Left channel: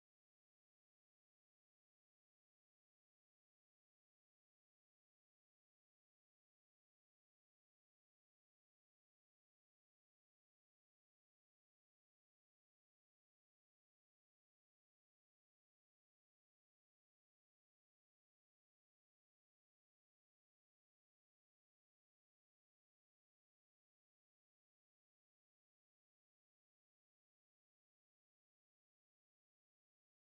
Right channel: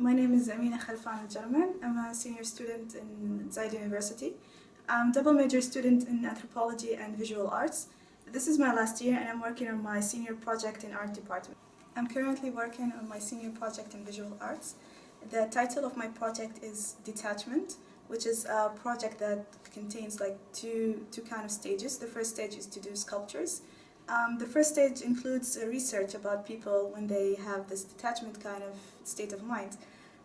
My name is Ameena German. I'm a senior student in Zaid University. I'm double major student in anthropology and visual arts. This is my last year and I'm working on my senior project in art department. I'm currently working on my senior project in visual arts. The title of my project is Detachment, which is a project that contains like two kind of stages. The first stage is to do sculptures. The first stage includes research about people when they have this detachment kind of state of mind.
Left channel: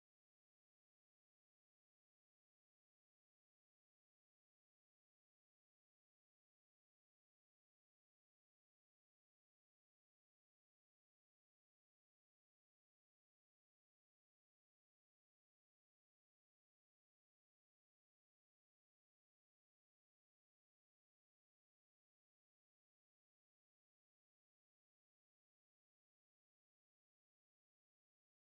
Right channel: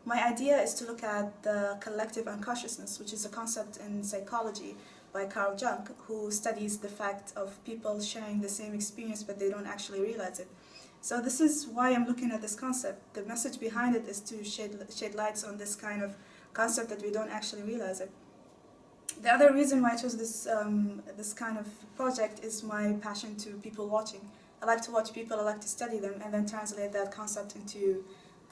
My idea is to look at the collective unconsciousness, which is a concept in psychology by Carl Jung, who studies the fact of people sharing the same experience but they don't actually realize it. So this is why I'm looking at this concept. The message behind it is to shed lights on this kind of concept that we don't actually realize it. The other reason why I chose this kind of project is my passion to people watching. I like to watch people, I like to study them, and then translate that concept into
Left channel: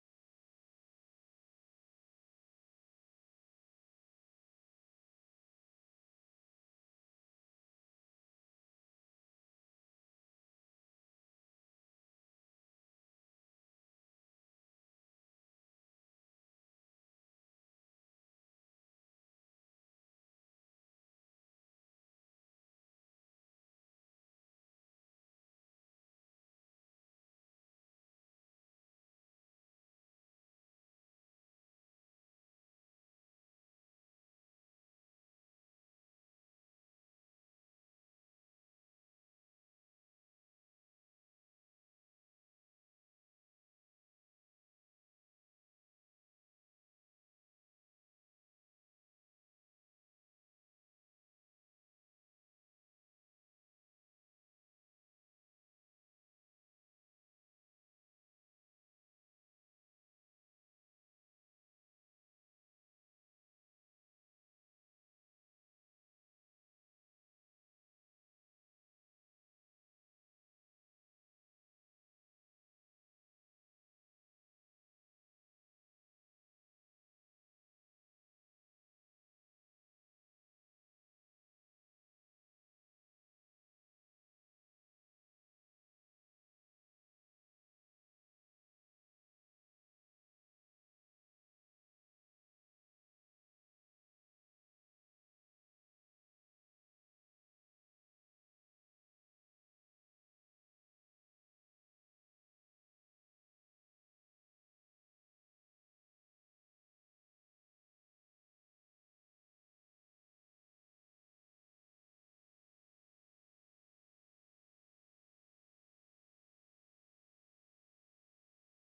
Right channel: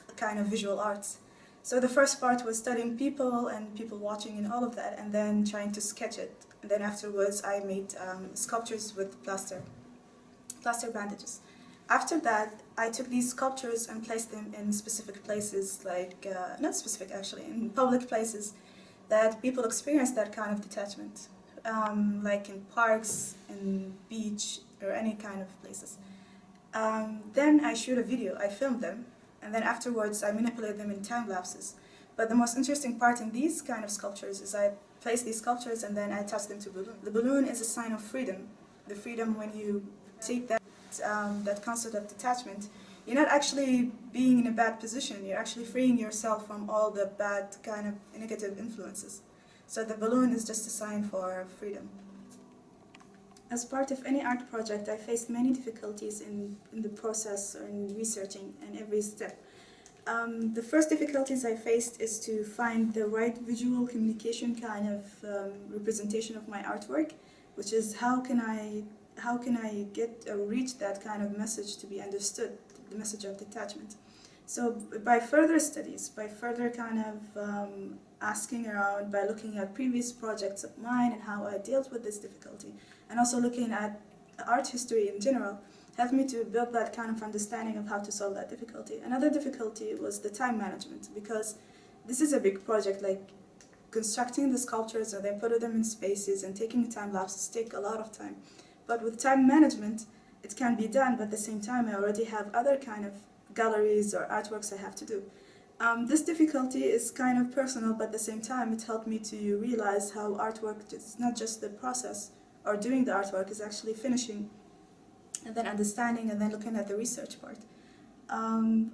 a kind of visual arts. So the first part was studying people and people watching and all of that, and then trying to sketch it. And then afterwards I made sculptures with plaster bandages. After that, I took these sculptures and placed them in specific places, like, not specific actually, in public places that people experience that kind of detachment, like in parks, in beach, or any kind of places. Then I shoot a video, I film them, and then afterwards I manipulate them in time lapses. But the most interesting part in these kind of sculptures is I place these sculptures and then I attach them to a balloon. The balloon is a sign of freedom. The freedom when you take that concept of detachment, you're not actually being in a bad position, you're actually freeing yourself from all the bad kind of negative influences. So the balloon is just a sign for freedom. As part of any art project, I faced many difficulties in the process or in researching and every step. The first difficulties I faced is to find the right visual communication kind of representation of my artwork, which is how can I get or reach that kind of message to be understood, the message of detachment. So by further studies, by further kind of asking around, by looking at previous projects of mine and how I dealt with this difficulty, and also looking at art history in general, helped me to build that kind of understanding of how to solve that difficulty. Another difficulty was the time management, because this is a big project, like constructing the sculptures and then putting them in spaces and taking time lapses take a lot of time. But with time management, it can be done, but at the same time I already have other kind of galleries or artworks I have to do. This difficulty is kind of personal, but at the same time it helped me to realize how artwork is not just the process or doing the artwork, is actually finishing and then understanding and then looking at the research part.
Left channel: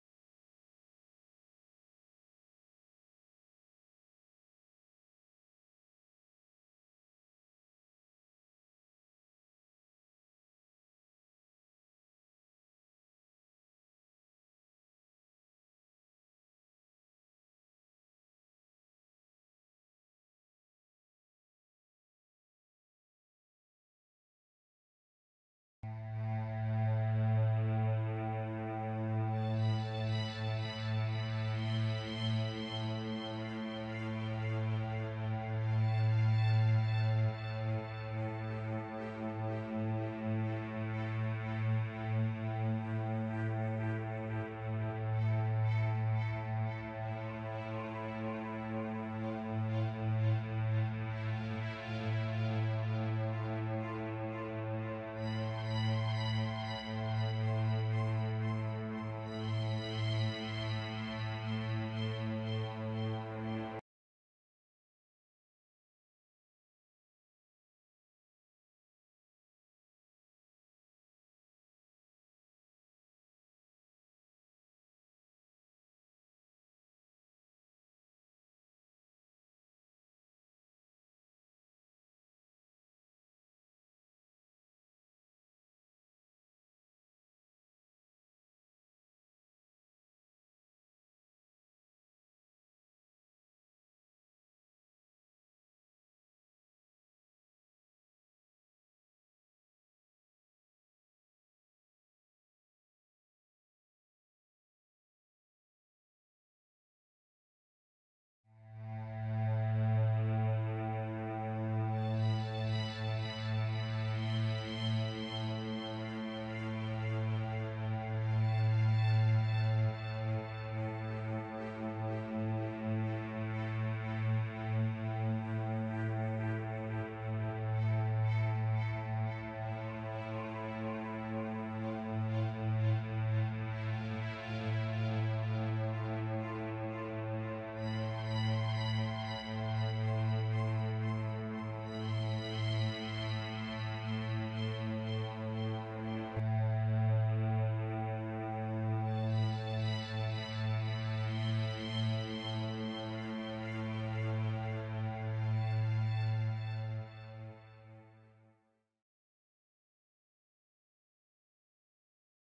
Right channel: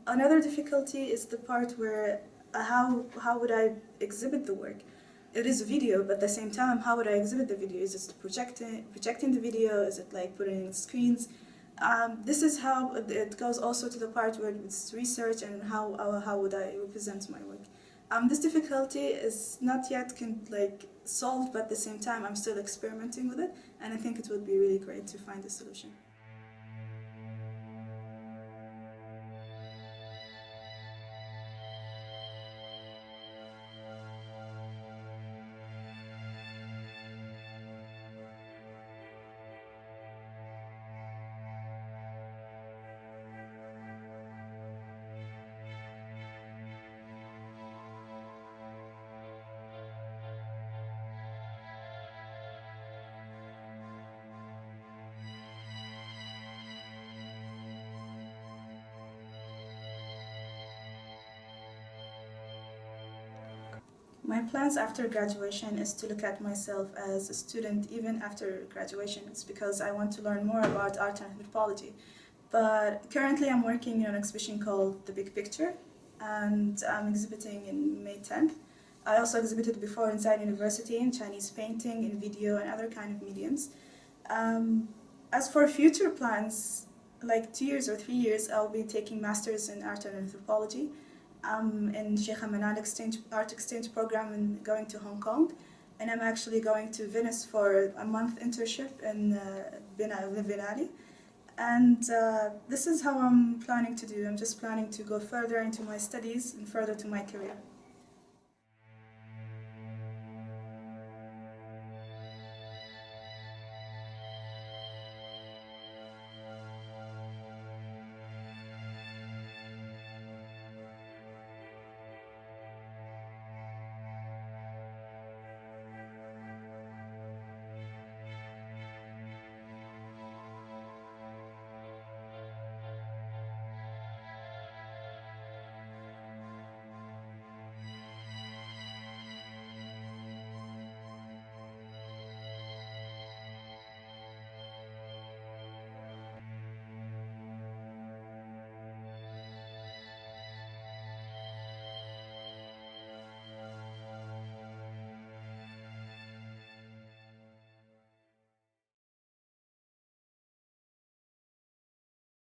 Another difficulty is the part where how would I exhibit the work? It is a video, but at the same time, how would I exhibit the video? Is it projecting the video? Is it like putting in screens? This is how it goes also to the part where it's research and how would I represent my work. This difficulty is not yet solved, but at the same time I'm still experimenting with it, and I think it would be really great to find a solution. My plans after graduation is to look at myself as a student even after graduation. It's because I want to learn more about art and anthropology. But currently I'm working on an exhibition called The Big Picture, and I'm exhibiting in May 10th. I also exhibited before inside university in Chinese painting, in video, and other kind of mediums. As for future plans, like 2 years or 3 years, I'll be taking masters in art and anthropology. In Sheikh Ameena art exchange program and going to Hong Kong, and I'm actually going to Venice for a month internship in Biennale. And this is how I'm planning to do. I'm just planning to go further into my studies and further to my career.